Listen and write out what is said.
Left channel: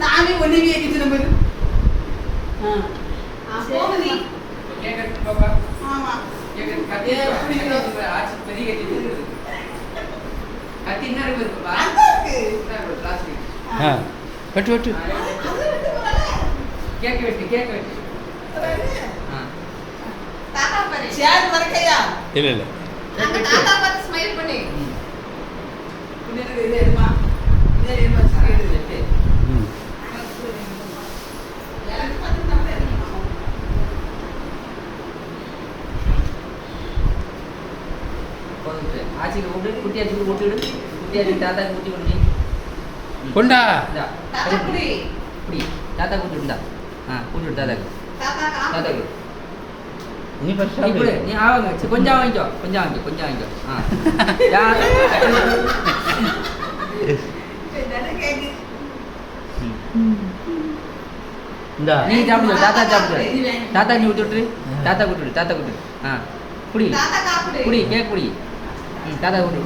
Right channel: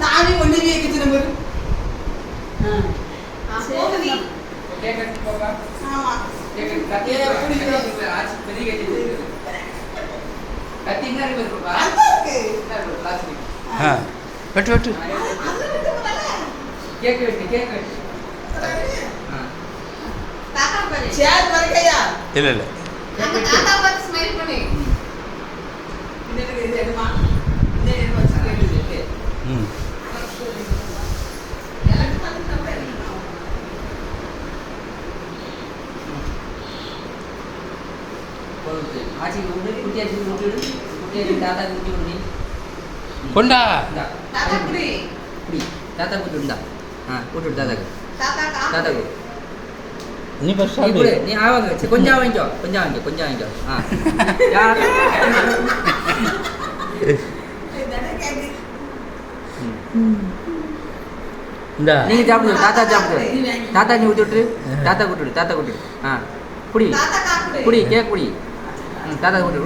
நானே ஒண்ணு வைக்கிட்டு நம்ம வெட்டு வெட்டு இல்லை இல்லை கொண்டா நீ ஃபர்ஸ்ட் நீ ஆவங்க கொஞ்சம் வாங்கிக்கோ கொஞ்சம் வாங்கிக்கோ நீ சாப்பிடு தாத்தா நீ ஊட்டி விட்டு தாத்தா கூட்டு குடி குடி கேக் குடி தாத்தா கூட்டு